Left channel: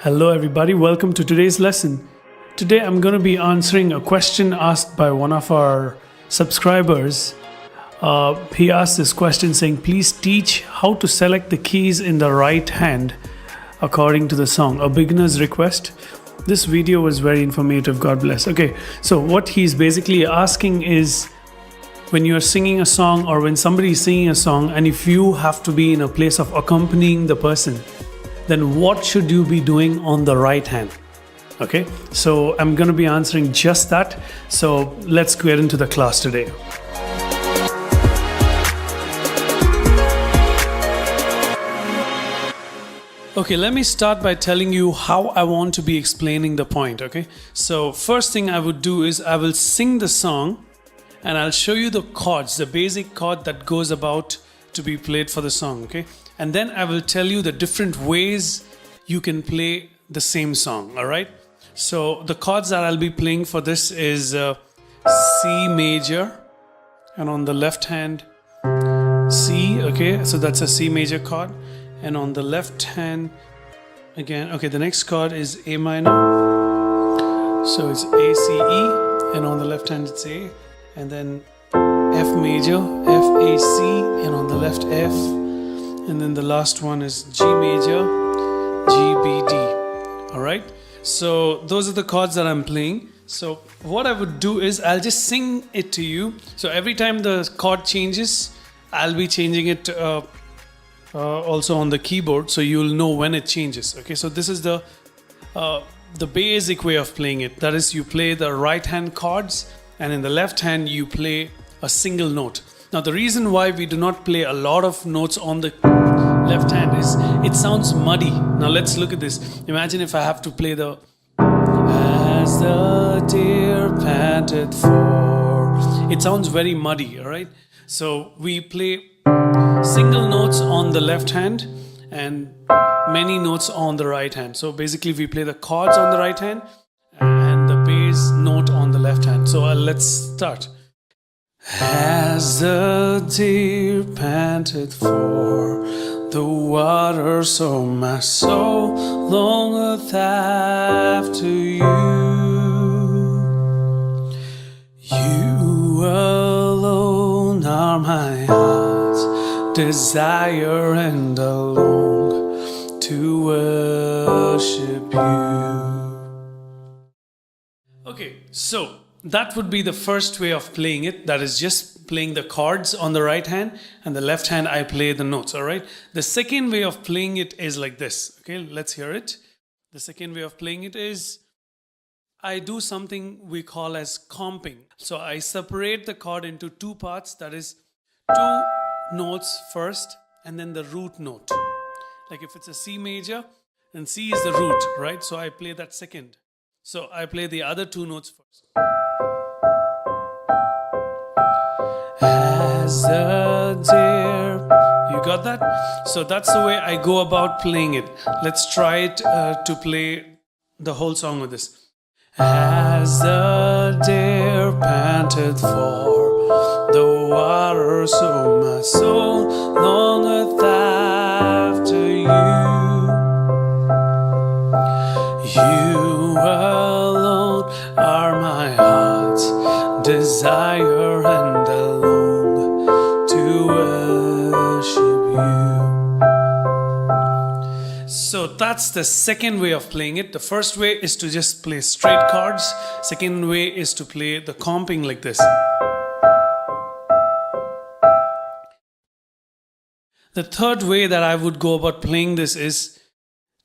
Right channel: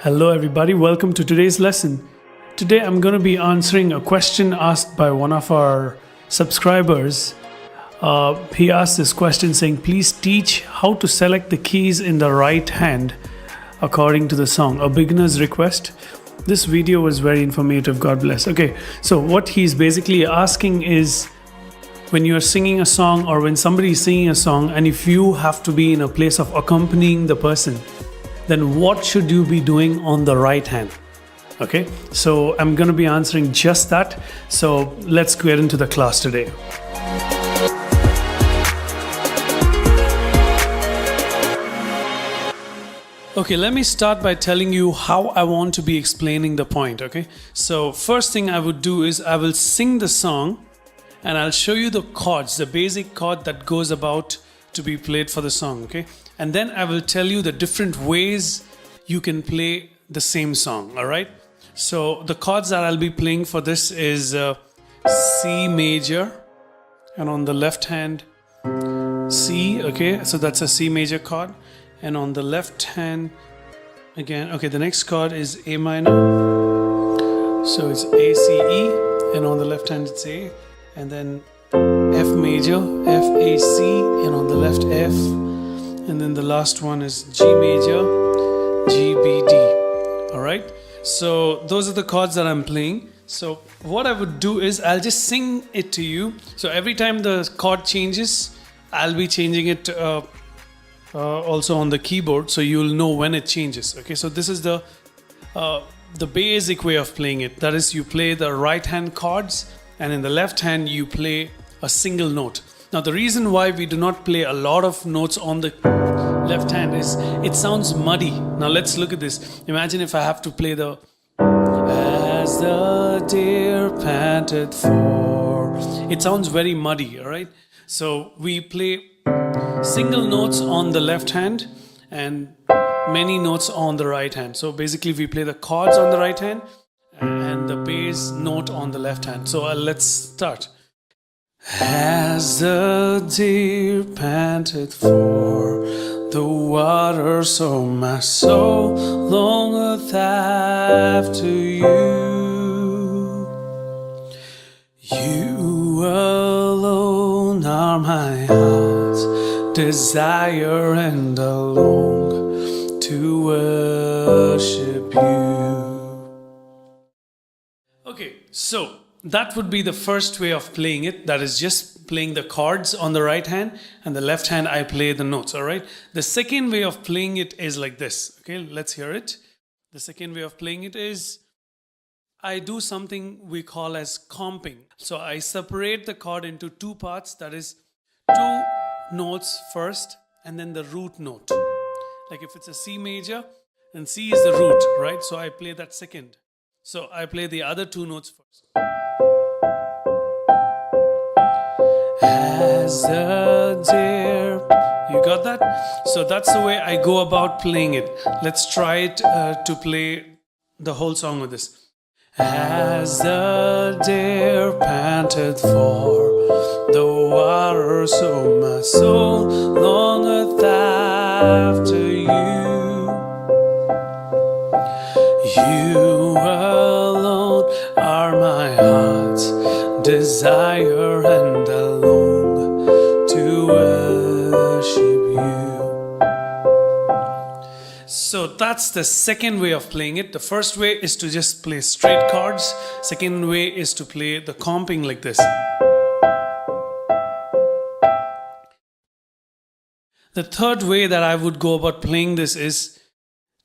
Hello everybody, welcome to today's lesson. Today I'm going to be answering a question asked by one of our subscribers. He asked this question saying, please teach how to select the keys in the right hand according to the song. A beginner's request. This video was very informative, God bless. Okay, so what he's basically asking is, when you're singing a song or when somebody is singing a song and if you have to be in a place of accompanying the person, then what should you be doing on the right hand? Okay, so I'm going to be answering just that. So let's get into the class today. Okay, let me start by telling you how I want to be explaining the point. Okay, so first thing I would do is I will sing the song and I'll show you the chords, the basic chord that goes about to be played for the song. Okay, and then I will tell you the different ways you can play the same song. All right, so the chords that I'll be playing for this is C major, and on the left hand C. Okay, so that's a C major chord, and on the left hand again, okay, the next chord is A minor, so it's A, C, E, and on the left hand it's A, and then F major, F, A, C, and on the left F, and then the last one is G major, G, B, D. Alright, so those are the chords that I'm playing. So what I would do is I'll just sing it to you. So every time the chord changes, I'll be changing it also on the keyboard, so you'll know when it changes. Okay, so this is the basic way of playing it. That is, you play the right hand chords, and in the left hand you play a single note. Now the reason why we do not play a lot of notes on the left hand is it sounds muddy. Now let's look at this. Imagine if I have to play the as the deer panted for. It sounds very muddy, all right? So we play single notes on the left hand and many notes on the right hand. So basically we play the chords on the right hand and the bass note on the left hand. So let's start. As the deer panted for the water, so my soul longeth after you. You alone are my heart's desire, and I long to worship you. Okay, so that would be the first way of playing it. That is just playing the chords on the right hand, and the left hand I play the notes. All right. The second way of playing it is like this. Okay, let's hear it. The second way of playing it is I do something we call as comping. So I separate the chord into two parts. That is, two notes first and then the root note. Like if it's a C major, then C is the root, right? So I play that second. So I play the other two notes first. As a deer. You got that? So that's the way I go about playing it. Let's try it to play the whole song with this. As the deer panted for the water, so my soul longeth after you. You alone are my heart's desire, and I long to worship you. So that's the second way of playing it. The first way is to just play straight chords. Second way is to play the comping like this. The third way that I would go about playing this is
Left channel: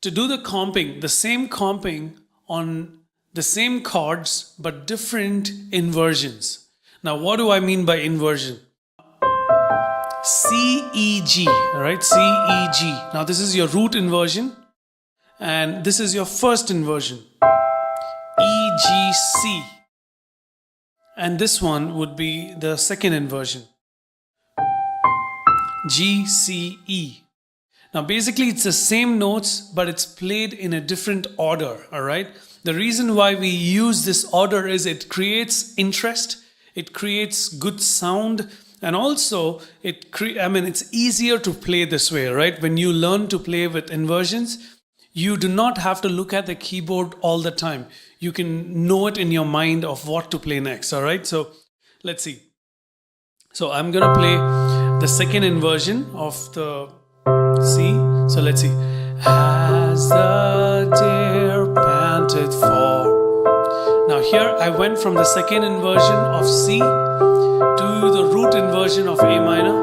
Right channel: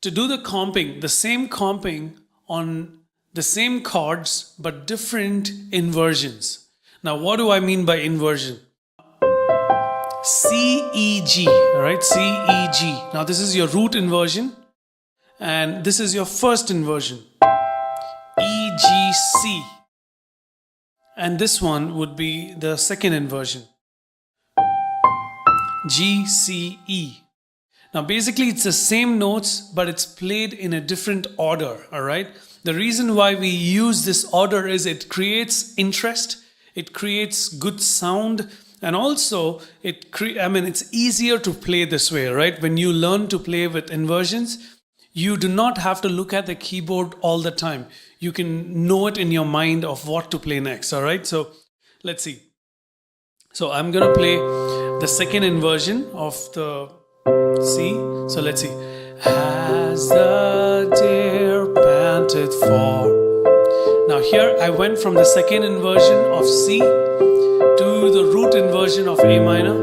to do the comping, the same comping on the same chords but different inversions. Now what do I mean by inversion? C, E, G, right? C, E, G. Now this is your root inversion and this is your first inversion. E, G, C. And this one would be the second inversion. G, C, E. Now basically it's the same notes but it's played in a different order, alright? The reason why we use this order is it creates interest, it creates good sound And also, it's easier to play this way, right? When you learn to play with inversions, you do not have to look at the keyboard all the time. You can know it in your mind of what to play next, all right? So let's see. So I'm gonna play the second inversion of the C. So let's see. As the deer panted for. Now here I went from the second inversion of C to the root inversion of A minor.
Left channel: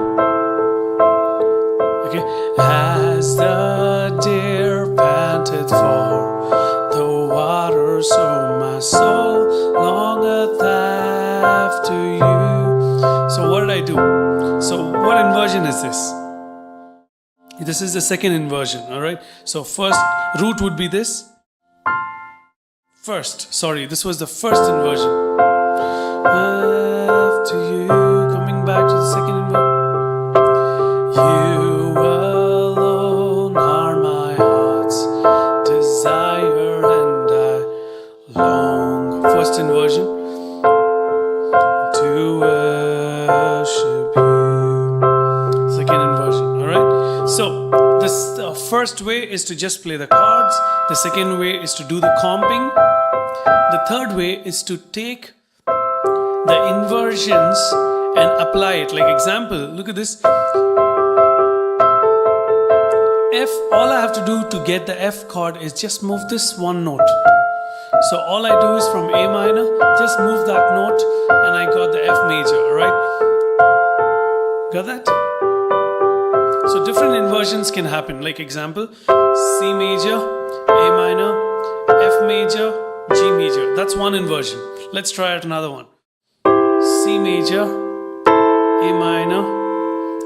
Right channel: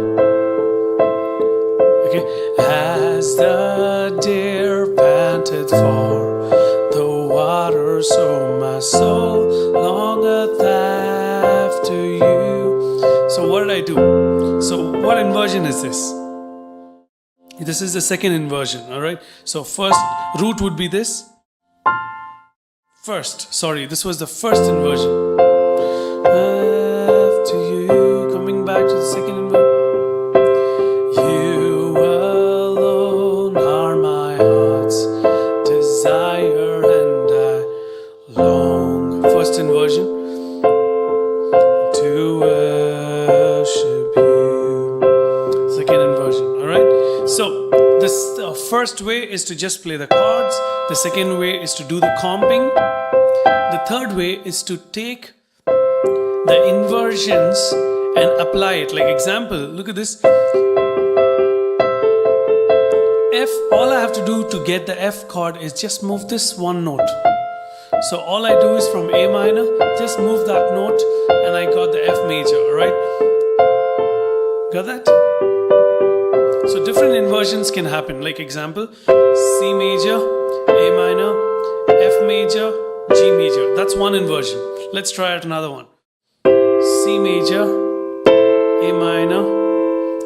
Okay. As the deer panted for the water, so my soul longeth after you. So what did I do? So what inversion is this? This is the second inversion, alright? So first root would be this. This was the first inversion. After you, coming back to the second inversion. You alone are my heart's desire, and I long. First inversion. To worship you. Second inversion, alright? So this first way is to just play the chords. The second way is to do the comping. The third way is to take the inversions and apply it. Like example, look at this. F, all I have to do to get the F chord is just move this one note. So all I do is from A minor, just move that note and I got the F major, alright? Got that? So different inversions can happen. Like example, C major, A minor, F major, G major. That's one inversion. Let's try out another one. C major, A minor,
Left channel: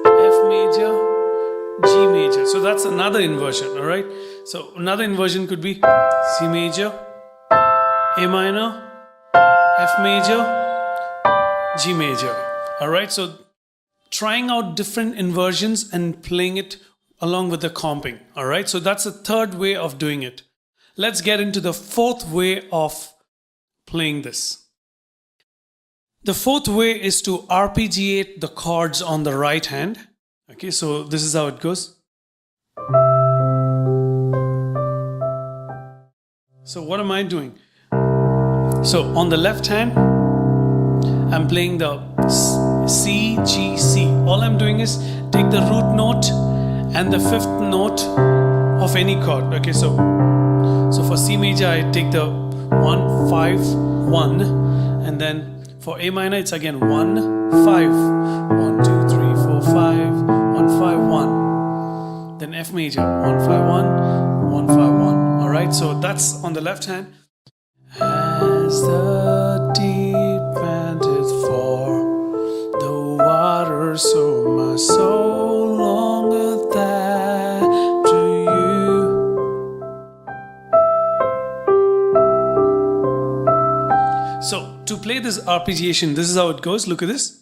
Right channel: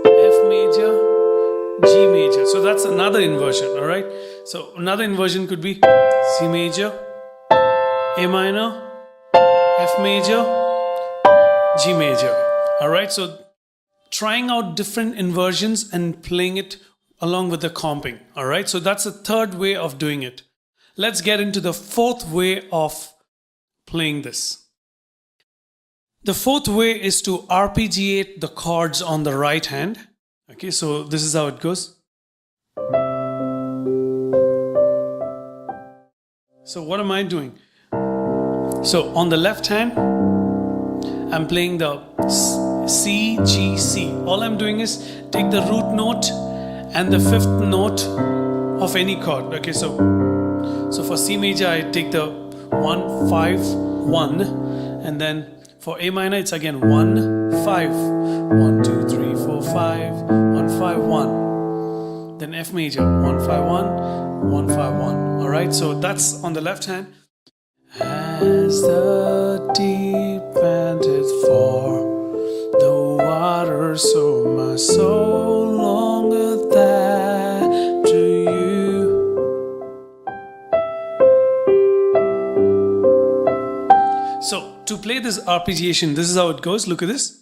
F major, G major. So that's another inversion, alright? So another inversion could be C major, A minor, F major, G major. Alright, so trying out different inversions and playing it along with the comping. Alright, so that's the third way of doing it. Let's get into the fourth way of playing this. The fourth way is to arpeggiate the chords on the right hand. Okay, so this is how it goes. So what am I doing? So on the left hand, I'm playing the C, G, C. All I'm doing is take the root note and the fifth note of any chord. Okay, so for C major, I take the 1, 5, 1, and then for A minor, it's again 1, 5, 1, 2, 3, 4, 5, 1, 5, 1. Then F major, 1, 5, 1, 1, 5, 1. All right, so that's on the left hand. As the deep panteth for the water, so my soul longeth after you. So to play this arpeggiation, this is how it goes. Look at this.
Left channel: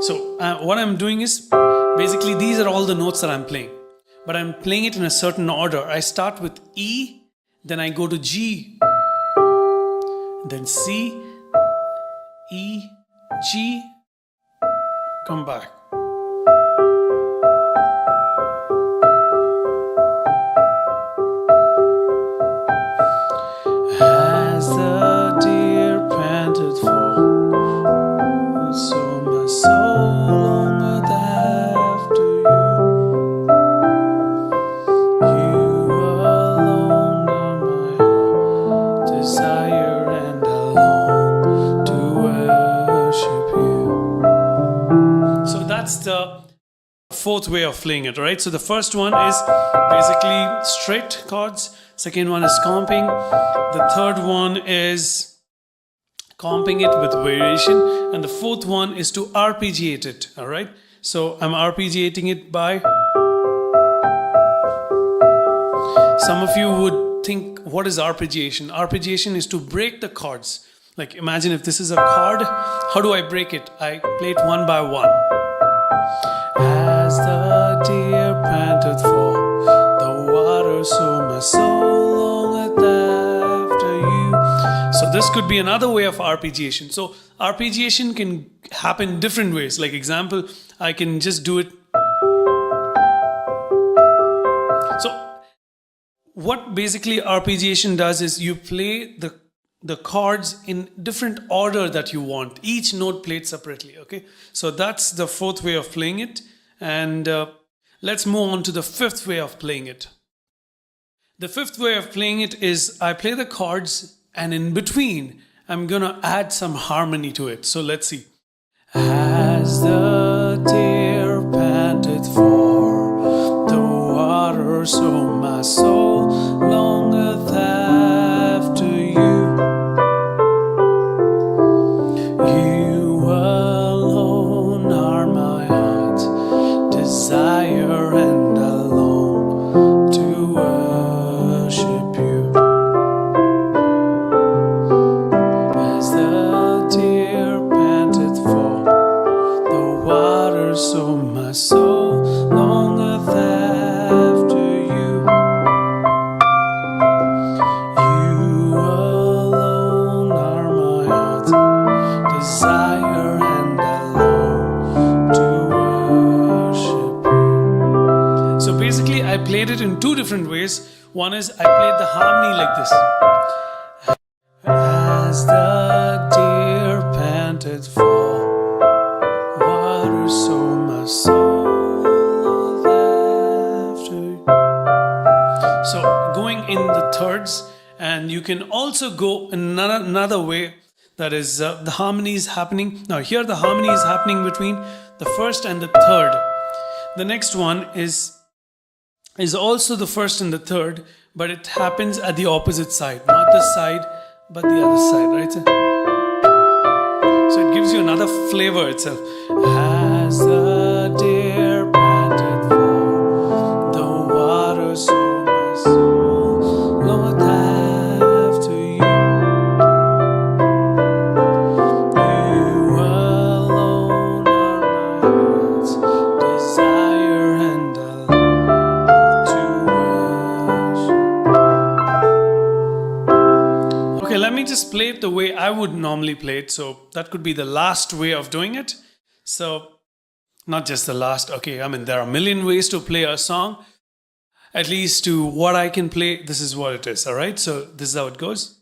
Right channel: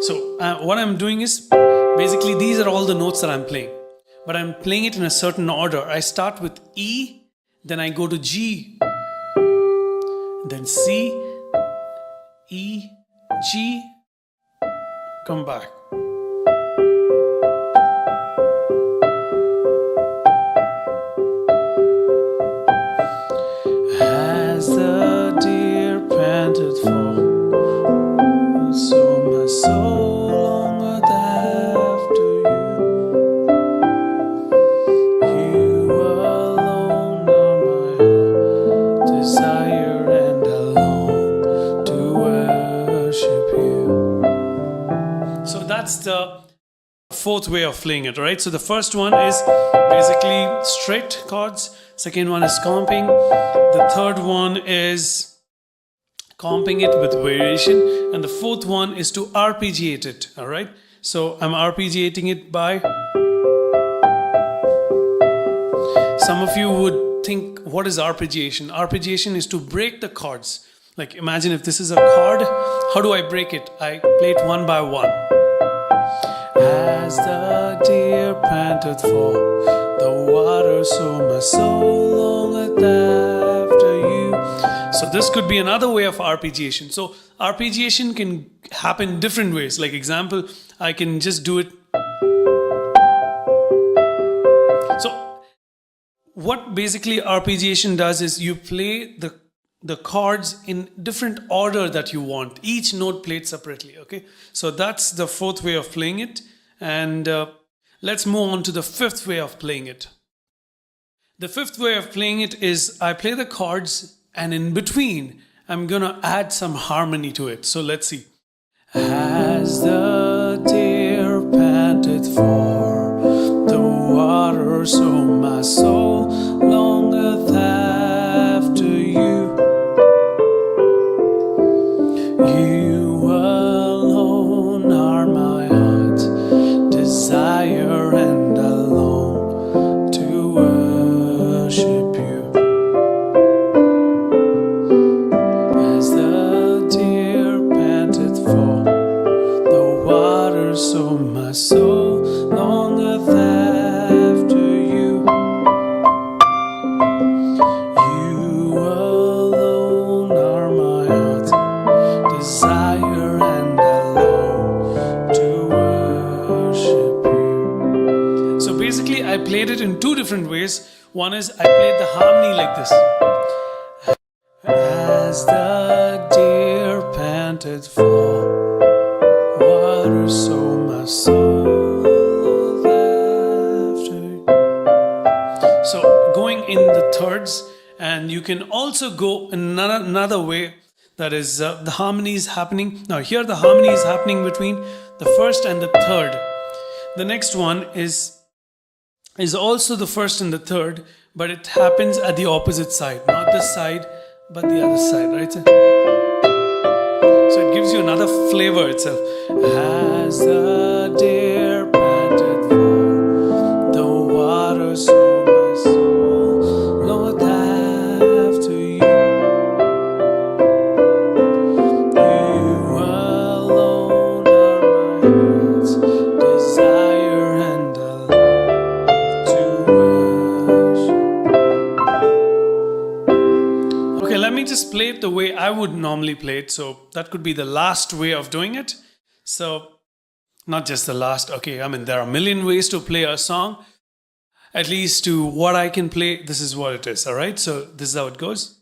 So what I'm doing is, basically these are all the notes that I'm playing. But I'm playing it in a certain order. I start with E, then I go to G, then C, E, G, come back. As the deer panted for, so my soul longeth after you. You alone are my heart desire, and I long to worship you. So that's the fourth way of playing it, right? So the first one is basically straight chords. Second one is comping. The third one is comping it with variation, and the fourth one is to arpeggiate it. All right, so I'm arpeggiating it by, some of you would think, what is arpeggiation? Arpeggiation is to break the chords. Like imagine if this is a chord, how do I break it? I play it one by one. As the deer panteth for the water, so my soul longeth after So this could be another way of arpeggiation. So arpeggiation can happen different ways. Like example, I can just do it. So what basically arpeggiation does is you play the chords in different order that you want, each note played separately. Okay, so that's the fourth way of playing it. And let's move on to the fifth way of playing it. The fifth way of playing it is I play the chords and in between I'm gonna add some harmony to it. So let's see. As the deer panted for the water, so my soul longeth after you. You alone are my heart's desire, and I long to worship you. As the deer panted for the water, so my soul longeth after you. You alone are my heart's desire, and I long to worship you. So basically I played it in two different ways. One is I played the harmony like this. As the deer panted for water, so my soul after you. So going in the thirds, and you can also go another way, that is the harmony is happening. Now here the harmony is happening between the first and the third. The next one is also the first and the third, but it happens at the opposite side, not this side but the other side, right? So it gives you another flavor itself. As the deer panted for the water, so my soul longeth after you. You alone are my heart's desire, and I love to worship. Okay, let me just play it the way I would normally play it. So that could be the last way of doing it. So not just the last. Okay, I mean, there are a million ways to play a song. At least to what I can play, this is what it is. All right, so this is how it goes.